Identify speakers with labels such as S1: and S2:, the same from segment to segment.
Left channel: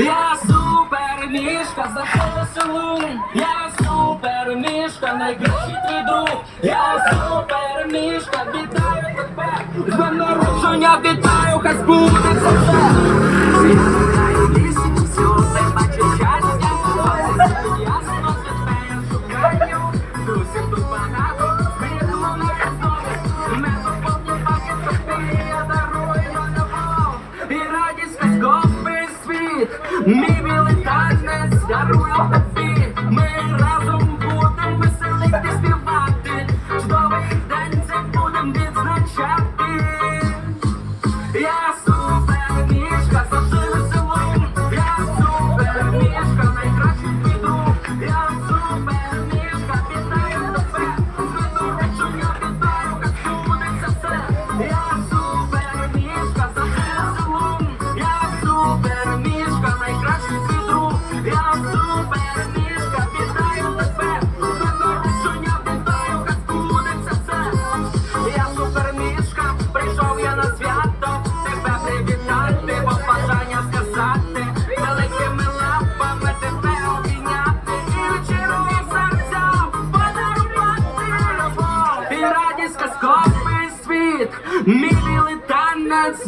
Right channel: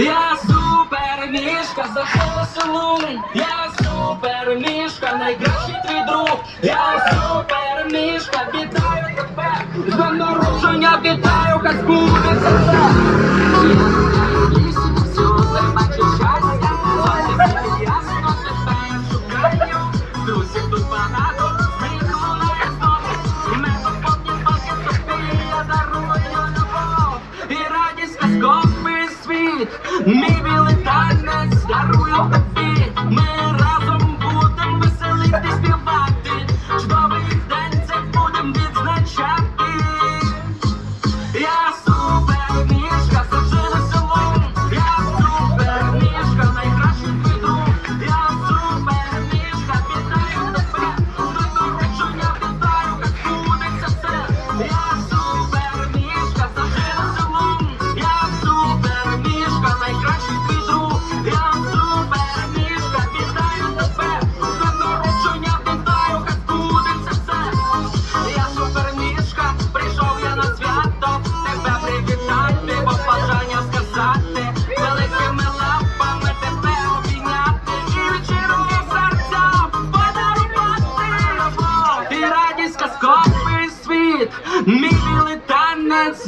S1: Я супер мішка, захолосун, я супер мішка, найкращий твій друг, я супер мішка, вітаю тебе, з народження вітаю, хай буде все.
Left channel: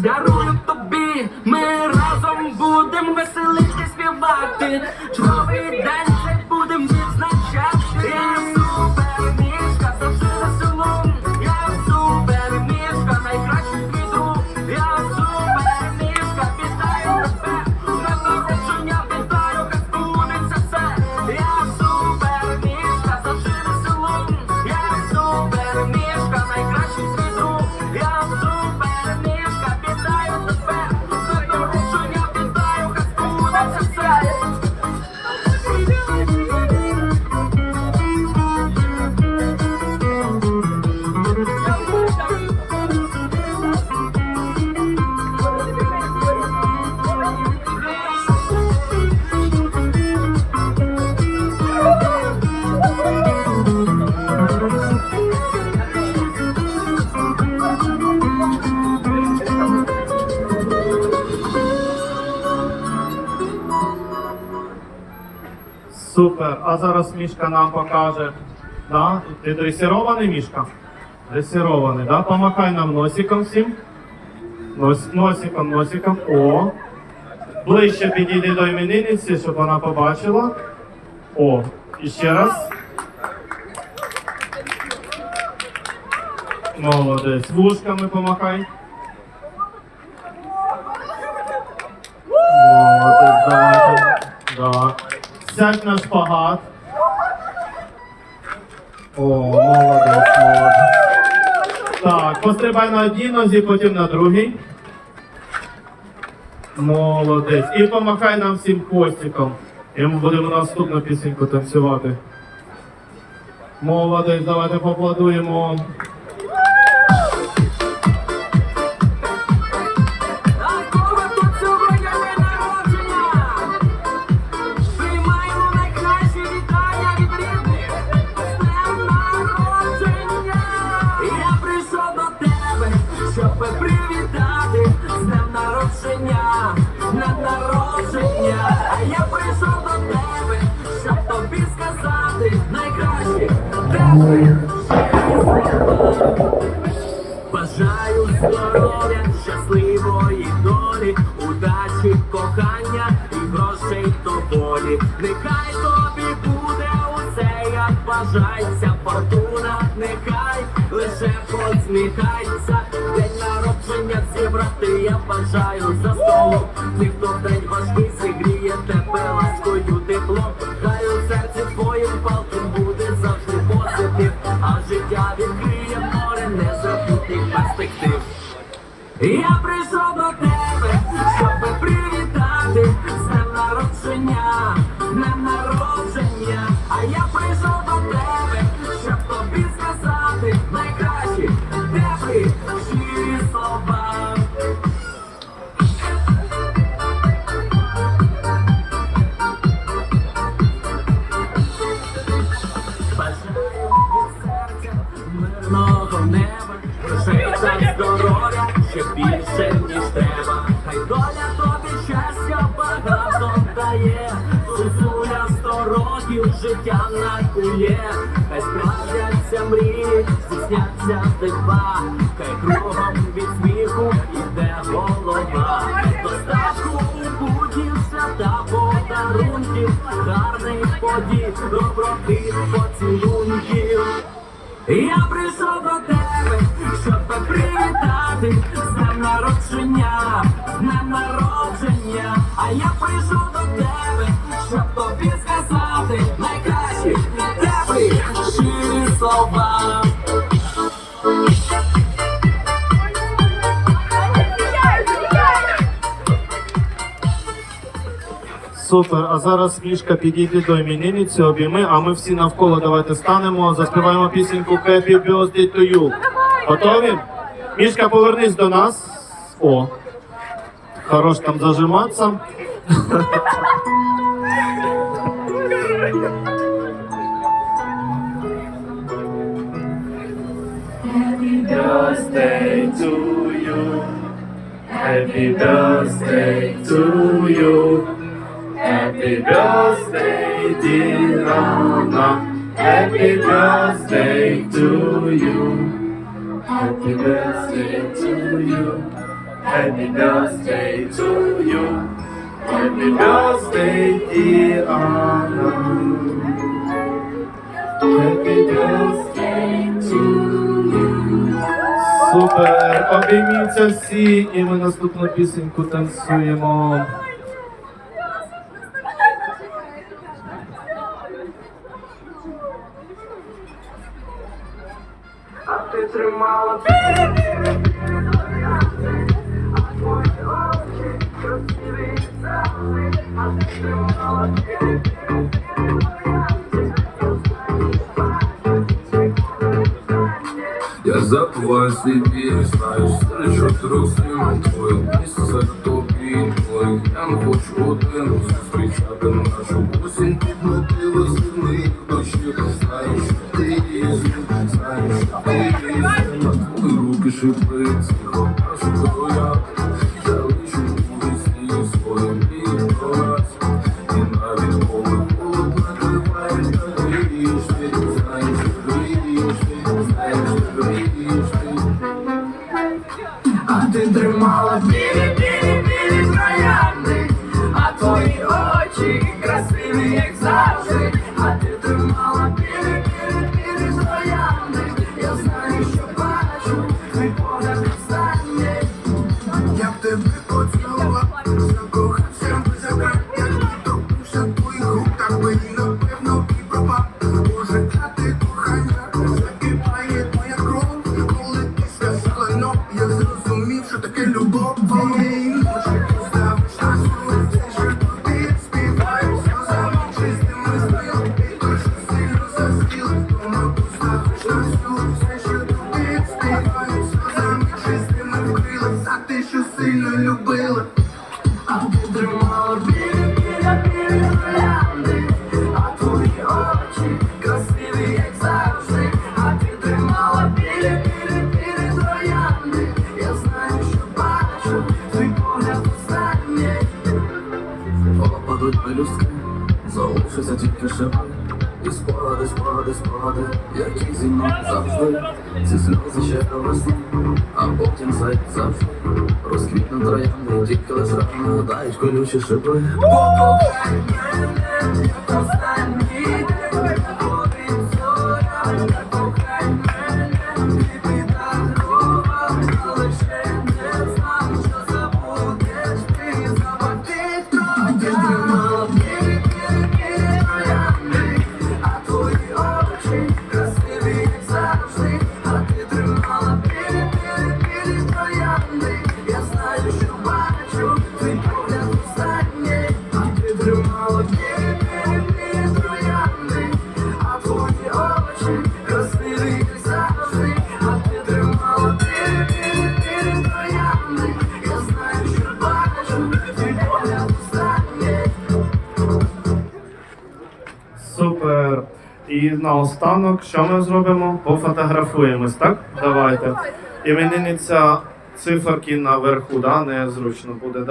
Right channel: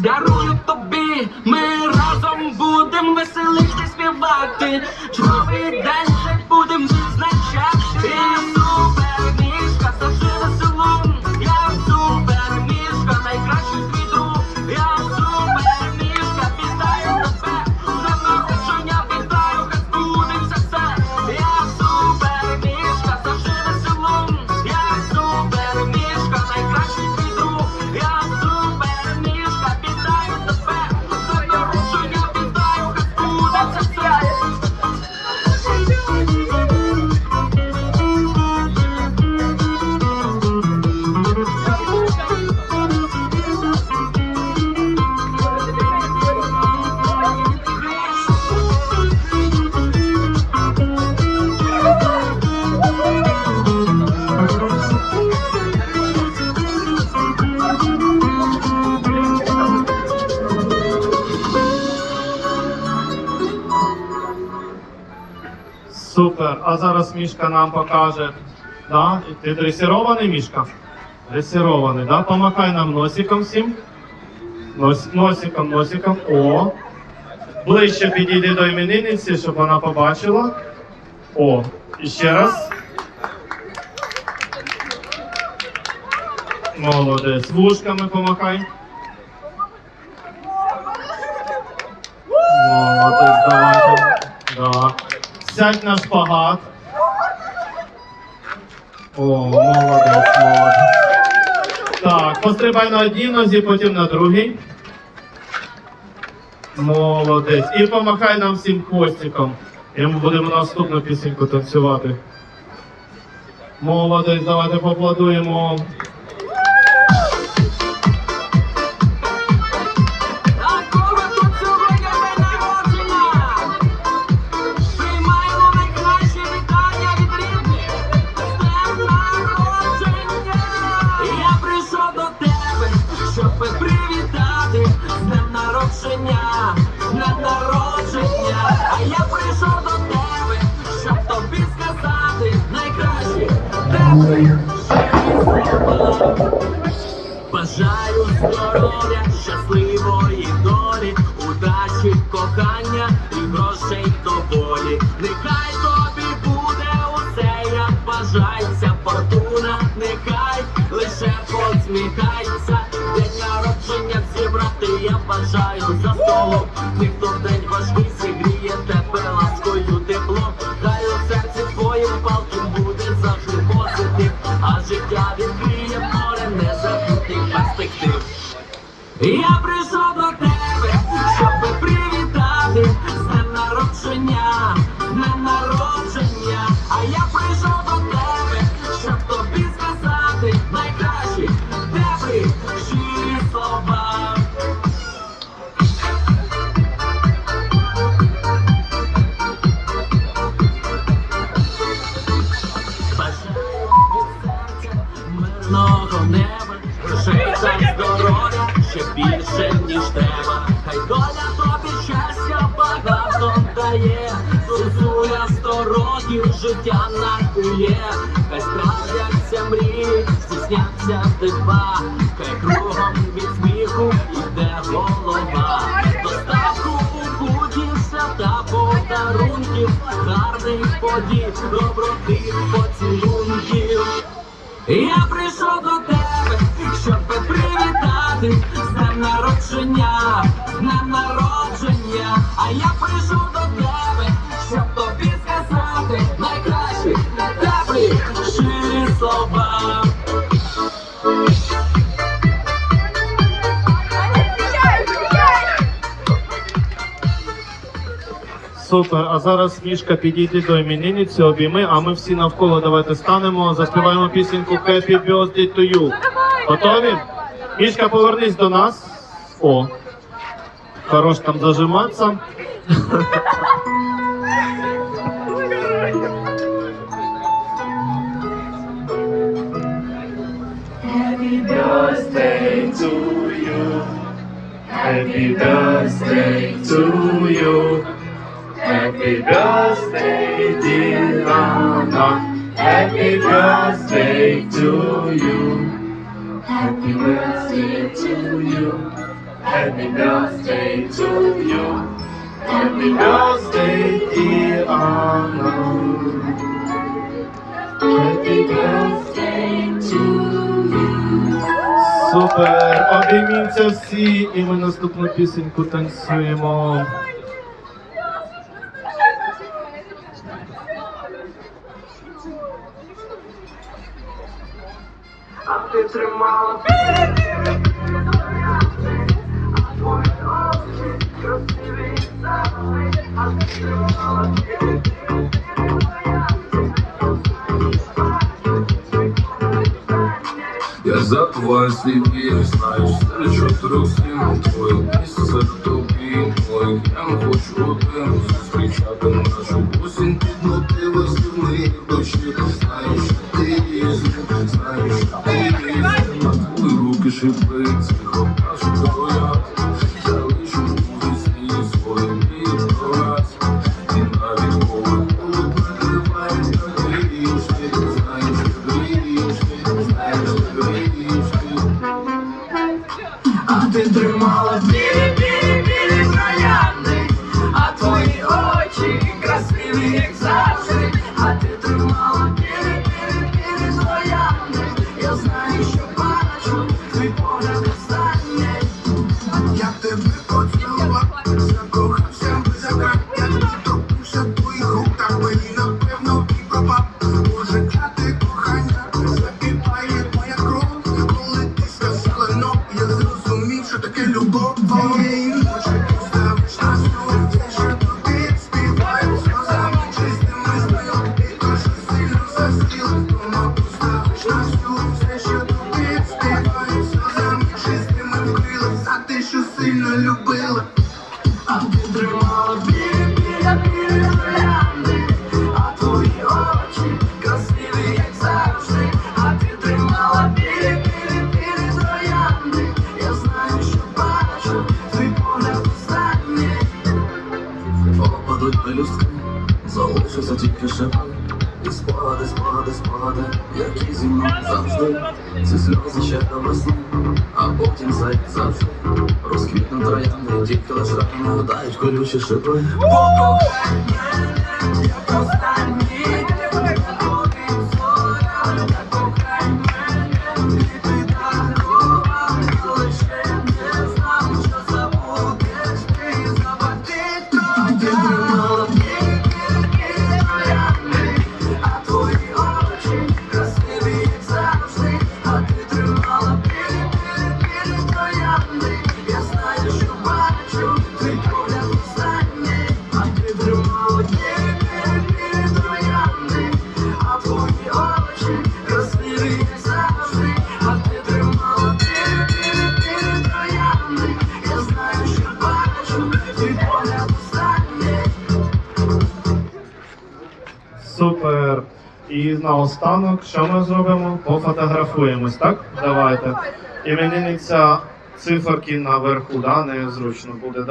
S1: garota.
S2: Супер. А зараз мішка нам покаже. Да? Ти дресирований мішка? Дресирований, да? Помахай нам носиком всім. Нос, Носиком, носиком. О. Ближче підійди до іменинниці, щоб вона побачила. О, і ще раз. Молодець. Вушками помахай. сядь на шпагат. О, молодець, молодець. Так, пострибай на одній нозі, потім на другій. Молодець. І помахай нам всім хвостиком. І ми будемо наступну пісеньку танцювати. Молодець, давайте
S1: поплодуємо. Бажаю здоров'я, щасливої долі, удачі, кохання і грошей доволі. Нехай тобі буде усе, як бажається, фортуна, нехай лише посміхай. а життя відкриє море незабутніх перспектив. Я приз... дає, Зозуля сто років життя накує, хай справдяться мрії, здійсняться дива, хай кругом від сміху іде голова, достатку у буді та подарунків, гарних подій, доброти, поцілунків. Я прийшов до тебе, щоб привітати з днем народження, тобі сказати найкращі теплі щирі слова.
S2: Супер. А зараз мішка підійде до іменинниці, обійми, а ми всі навколо давайте станемо, заспіваємо пісеньку Happy Birthday to you. Готові? Мішка, повернись до нас. О. Хорош там зажиматися. birthday to you. Happy birthday to you. Happy birthday, dear Anna. Happy birthday to you. Happy birthday to you. Happy birthday to you. Happy birthday, dear Anna. Happy birthday Супер! Обійміться всі, і ми наступну пісеньку танцюємо.
S3: Я забываю себе, знаешь, чотирьох стін твоє місце серед тобі, твоїх я не хочу один зустрічати нашу осінь під мотиви земних дощів. Знаєш, ти різний, знаєш, ти різний, твої руки шипить, тихо нашу. Я лишу у весні свої
S4: як
S3: Опадуть пелюстки, залишився тільки шипи І спогади, спогади, спогади, які зі мною завжди Ці сльози ще до весни, а потім зайде завжди Розквітну троянди, тільки лиш рано гадають колючі шипи
S4: Останній,
S2: І наостанок, що ми зробимо? Пофотографуємось, так? Давайте. Іменинниця циферки наверху, да? незручно буде, да?